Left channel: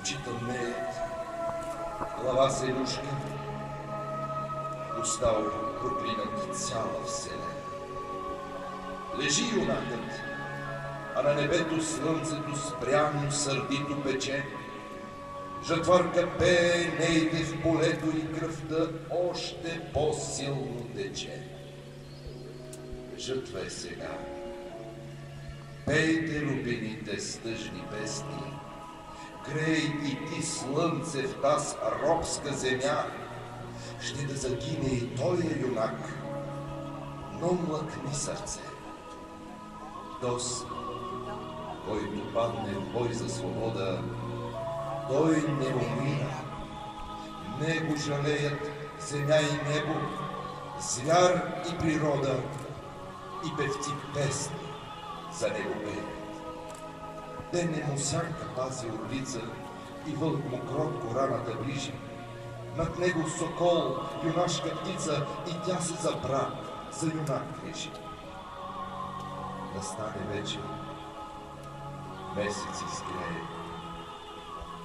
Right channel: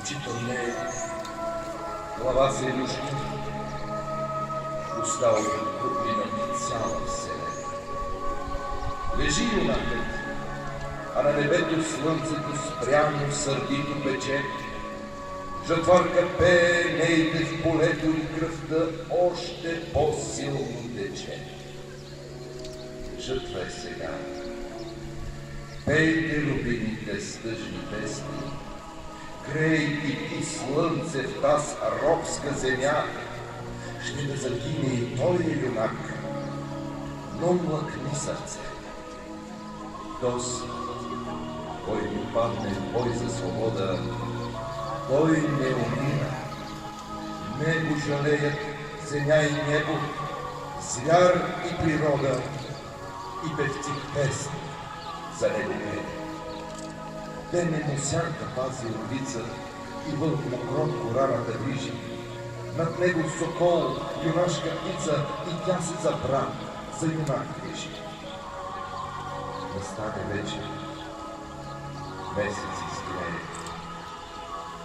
Учителне, глава се юшки, уста округлина цяла вселена. Лежи юнакът, а на небето слънцето спрямо сърдито пече. Жатварка пее, нейте в полето и кръвта още по-силно тече. Жатва е сега. Пейте, любимите, с тъжни песни. Грей и ти, слънце, в таз робска земя. Ще да загине и той е юнак, но млъкни сърце. Този, който падне в бой за свобода, той не умира. Не го жалеят земя и небо, звяр и природа, и певци песни за него пее. Дене му сянка пази орбица и вълк му кротко раната движи. Над него сокол, юнашка птица, и тя се за брат, за юнак грижи. Настане вечер, месец изгрее,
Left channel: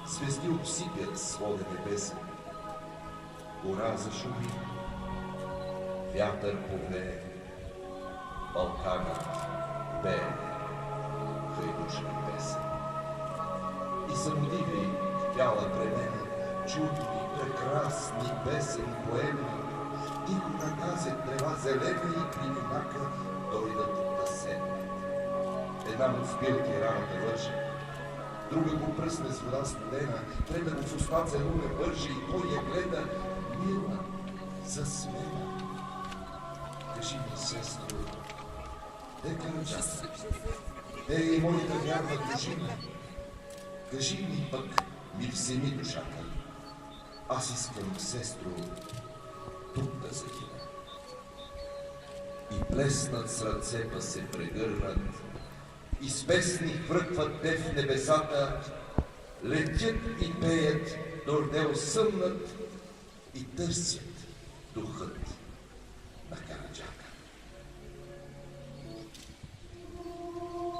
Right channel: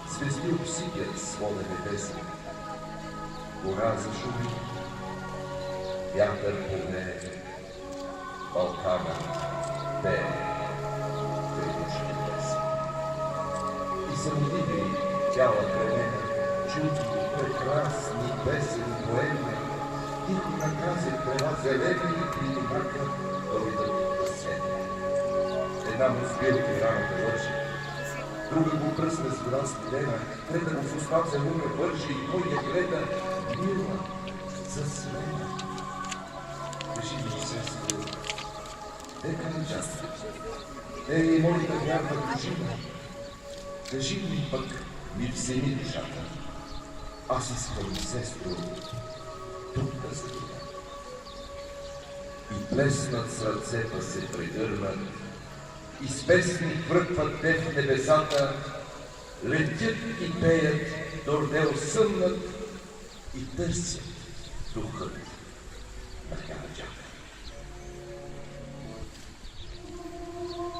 звезди обсипят свода небеса, гора зашуми, вятър повее, Балкана пее тревожни песни. И съмними тяла кремена, чудни, прекрасни песен поеми, тихо наказе трева зелени и при юнака дойдат да седне. Една му сбирка раната лъжи, друга го пръсна с вода студена, трета го в уста целуна вържи и той я гледа мила, засмена. Кажи ми, сестро, дека ми част, те е моята вярна дружина. Кажи ми пък, ми вземи душата. Аз искам, сестро, тук да загина. И плеснат сърцета се прегърнат, и с песни връкват те в небесата, летят и пеят, дорде осъмнат и търсят духът на Каладжак.